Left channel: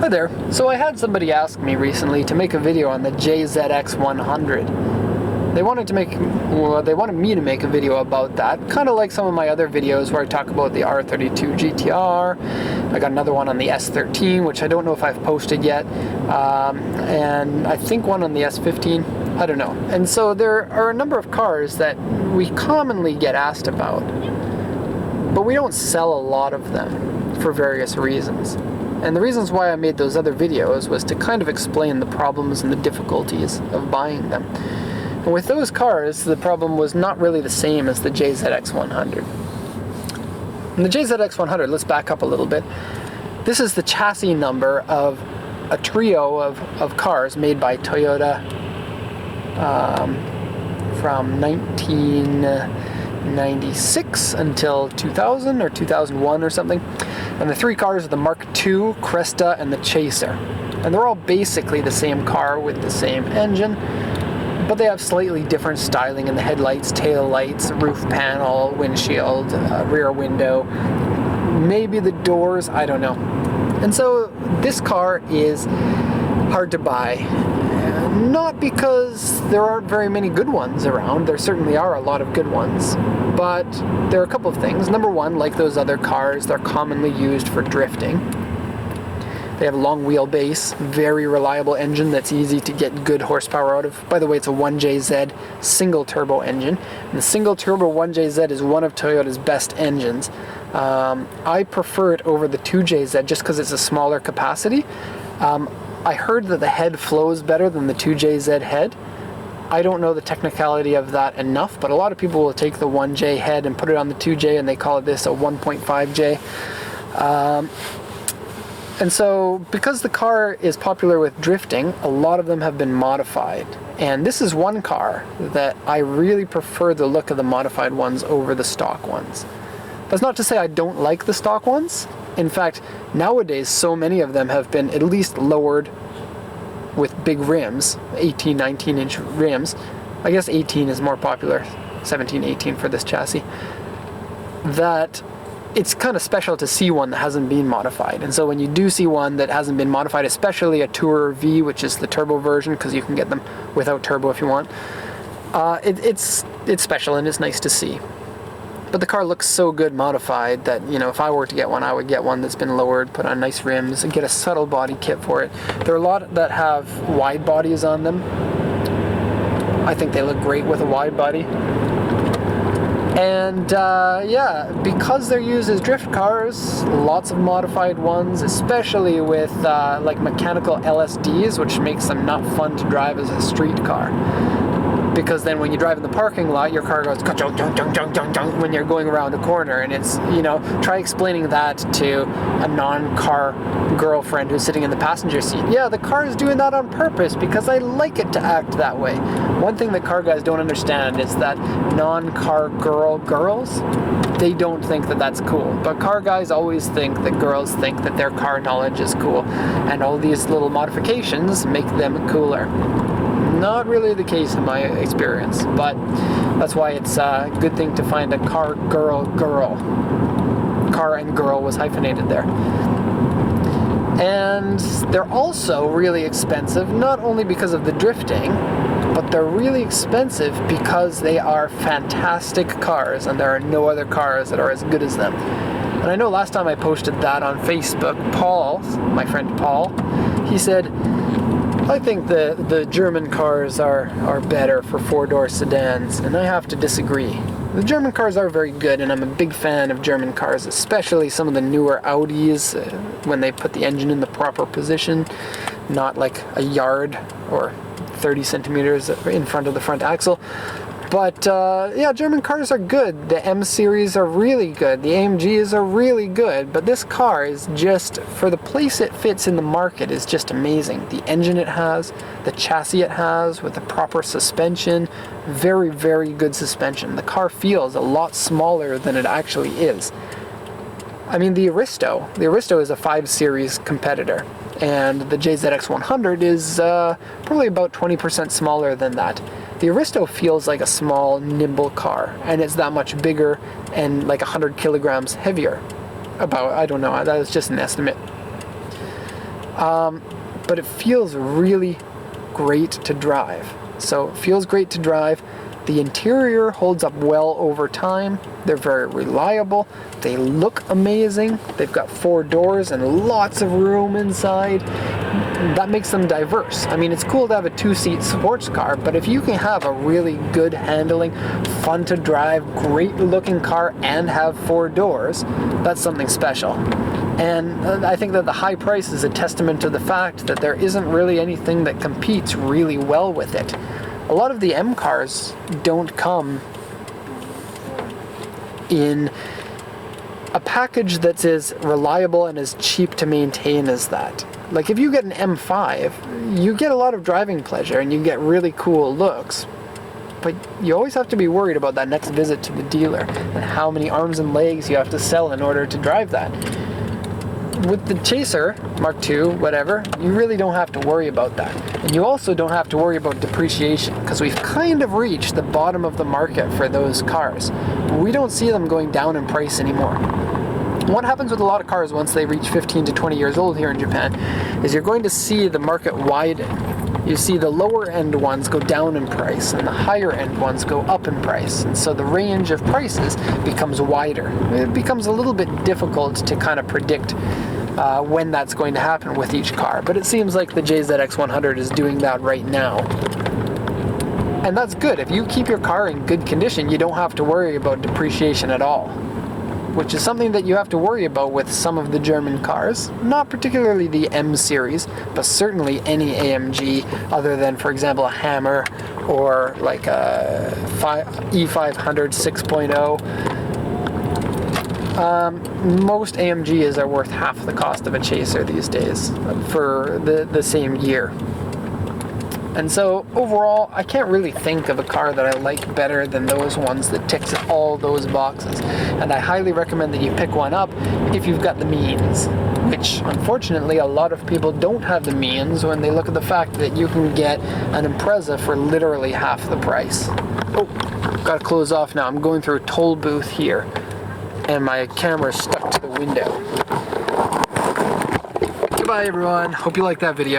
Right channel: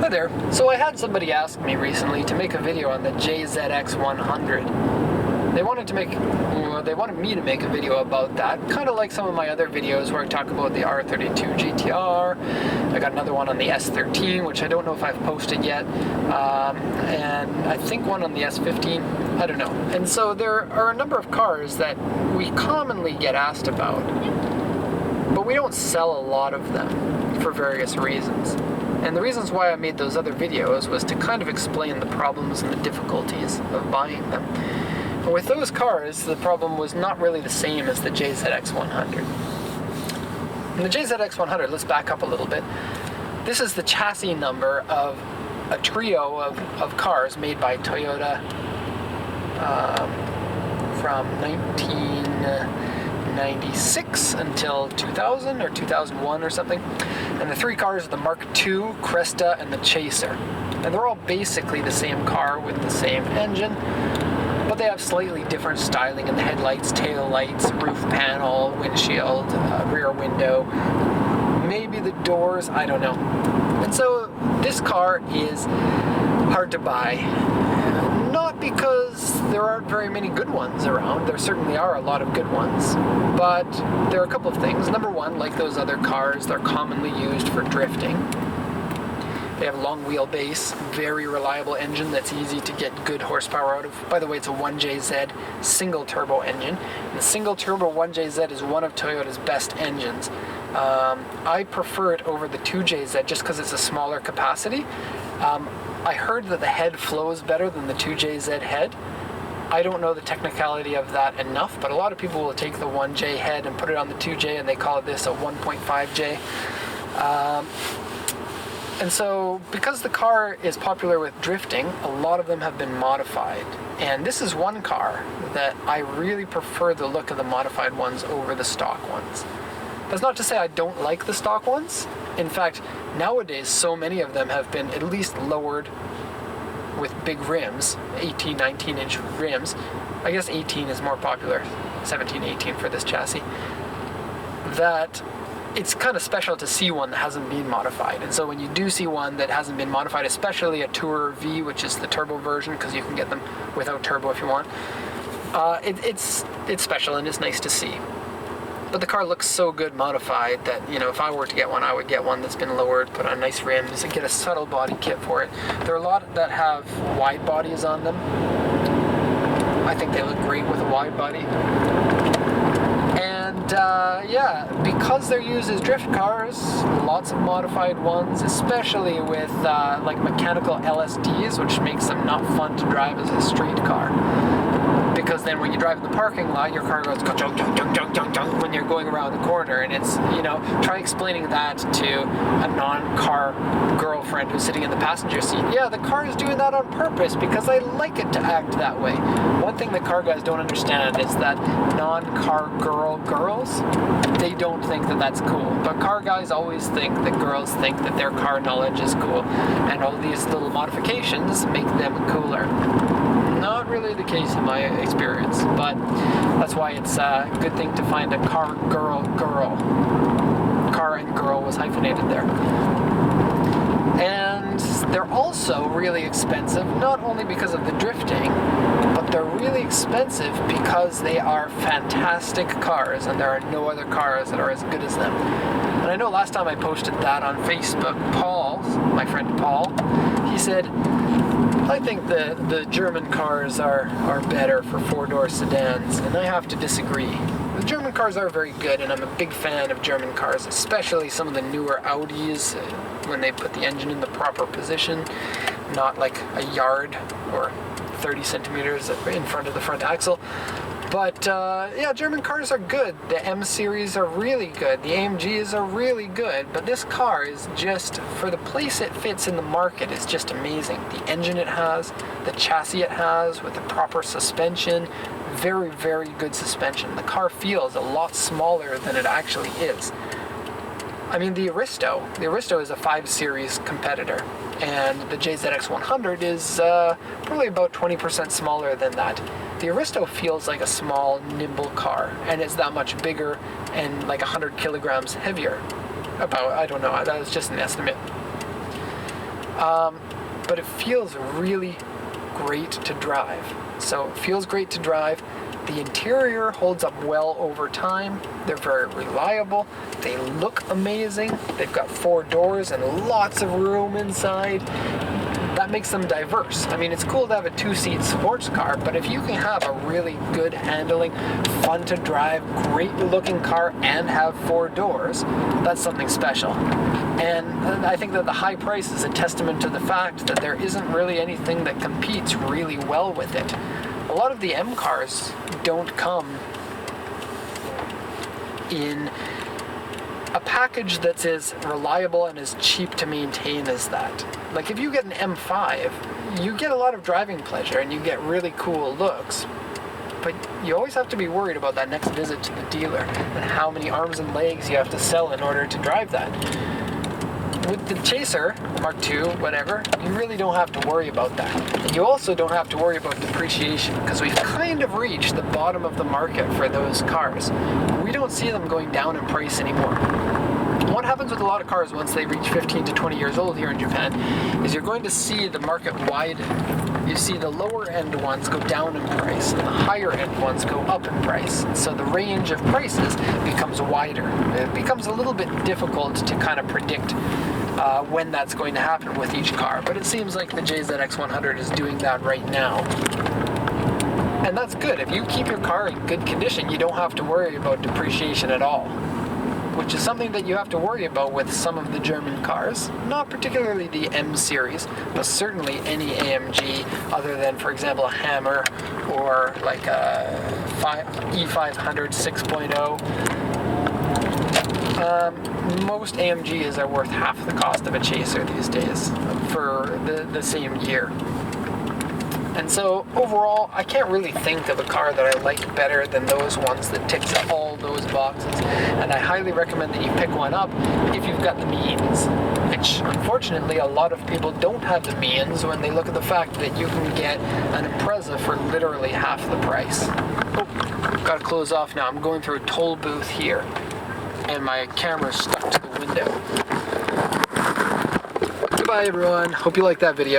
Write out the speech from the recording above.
Hi there. So I had somebody ask me recently to make a video on the JZX100. They wanted me to make a video about that, kind of like some of my other videos where I talk about the R32 GTR. I got another one on the S13, which I don't know if I've posted yet, and I think one on the S15. I don't know. And so there are a number of cars that we commonly get asked about, but we don't sell a lot of them for various reasons. And the reasons why I made those other videos was to kind of explain the problems and the difficulties of buying them. And with those cars, the problem was not really the same as the JZX100. And the JZX100, let's back up a little bit. This is the chassis number of a trio of cars made by Toyota from 1996 until 2000 or 2001 or something. And the three cars are the MarkII, Cresta, and the Chaser. And they're all basically the same car with the same engine, but they have slightly different styling in the headlights, tail lights, roof panel, windshield, rear window, maybe the doors, I don't know. And so this car is hard to buy. Not because there aren't very many good ones around. There certainly are a lot of good ones. But there are a couple of things. Number one, like those other cars, they're commonly used for drifting. They have a long wheelbase, very reliable engine that's easy to get good horsepower out of. By the way, it's a 1JZ single turbo engine. And the single turbo 1JZ is one of Toyota's best engines. I prefer it over the 2JZ just because it's a smaller capacity. I heard that the head flows better than the 2JZ head. I don't know the technicality of that enough, but a lot of people will take the 1J head and put it on the 2J, and they call this a 1.5J. And so, because the car is popular with drifting, a lot of them have been modified. And this is one car that I really prefer the look of the modified ones over the stock ones. That's not to say I don't like the stock ones. In fact, nowadays so many of them have been at least lowered with big rims, 18, 19-inch rims. I guess 18 is more popular, 17, 18 for this chassis. That it's kind of special to see one that hasn't been modified. And so when you do see one that hasn't been modified, especially a Tourer V, which is the turbo version, because you can get them without turbo if you want, it's special and it's nice to see. But the car looks so good modified that, you know, if I were to get one, I would get one that's been lowered, put on nice rims, and get a subtle body kit for it. There are a lot that have wide bodies on them. I think they look great with a wide body. And yeah, because they're used as drift cars, lots of modified ones, especially with like mechanical LSDs, which makes them not fun to drive as a street car. Because then when you drive in the parking lot, your car goes junk, junk, junk, junk, junk, junk when you're going around the corner. And it's, you know, try explaining that to a non-car girlfriend who's sitting in the passenger seat. Yeah, the car is doing that on purpose because I like it to act that way. One thing that car guys don't understand is that non-car girls, they don't think that that's cool. But car guys always think that girls think that their car knowledge is cool. And all these little modifications make them cooler. Not really the case in my experience, but that's why it's a good thing to find a car girl. Car and girl was hyphenated there. And they're also really expensive, not only because of the drifting, but they're really expensive because they are fantastic cars, and there are no other cars that are as good as them. And I know last time I posted that on Facebook, Paul, my friend Paul, he said, I think the German cars are better for four-door sedans, and I have to disagree. The German cars are very good, and I'm a big fan of German cars, especially some of the newer Audis, when they put the engine in the proper position, not like a yard or 30 centimeters in front of the front axle. But yeah, German cars are good. The M series are really good. The AMGs are really good. But this car is just, for the place it fits in the market, is just amazing. The engine it has, the chassis it has with the proper suspension, very, very good suspension. The car feels a lot smaller than it actually is. I mean, the Aristo is a 5 Series competitor, and the JZX100 is probably about 20% smaller than that. The Aristo feels like a small, nimble car, and it's that much bigger and like 100 kilograms heavier. About, I don't know, that was just an estimate. but it feels really great to drive. So it feels great to drive. The interior holds up well over time. They're very reliable. They look amazing. They've got 4 doors and lots of room inside. That makes them diverse. I mean, it's cool to have a 2-seat sports car, but if you can have a really good handling, fun to drive, great looking car and have 4 doors, that's something special. And I think that the high price is a testament to the fact that there isn't really anything that competes really well with it. A lot of the M cars don't come in a package that's as reliable and as cheap to maintain as that. Like if you get an M5, you get a lot of driving pleasure and you get really cool looks, but you always have to be worried about that next visit to the dealer and how many arms and legs you have to sell in order to drive that. With the Chaser, Mark II, whatever, you really don't have to worry about that. And you also don't have to worry about depreciation, because we've kind of reached the bottom of the market for those cars. We don't see them going down in price anymore. What happens with a lot of cars once they reach 15 to 20 years old here in Japan is you're going to see the market widen. You see the lower end ones go down in price and the higher end ones go up in price. So the range of prices becomes wider. It becomes a little bit difficult to kind of predict when that's going to happen with each car, but it seems like the JZX100 is doing that right now. And that's good. If you keep your car in good condition, you don't have to worry about depreciation at all, which is something that you have to worry about with some of the German cars. Not particularly the M series, but certainly any AMG other than, for example, a Hammer or like a E500 6.0. Most AMGs are worth half the cost of a Chaser these days for the same year. And so overall, I can't really think of a car that I like better than those ones that ticks all those boxes. And I highly recommend that you pick one up if you've got the means, which unfortunately a lot of people don't have the means when they look at the fact that you can get an Impreza for literally half the price. Oh, gotta close off now. I'm going through a toll booth here and my camera's stuck to the window. Goodbye everyone, hope you liked that video.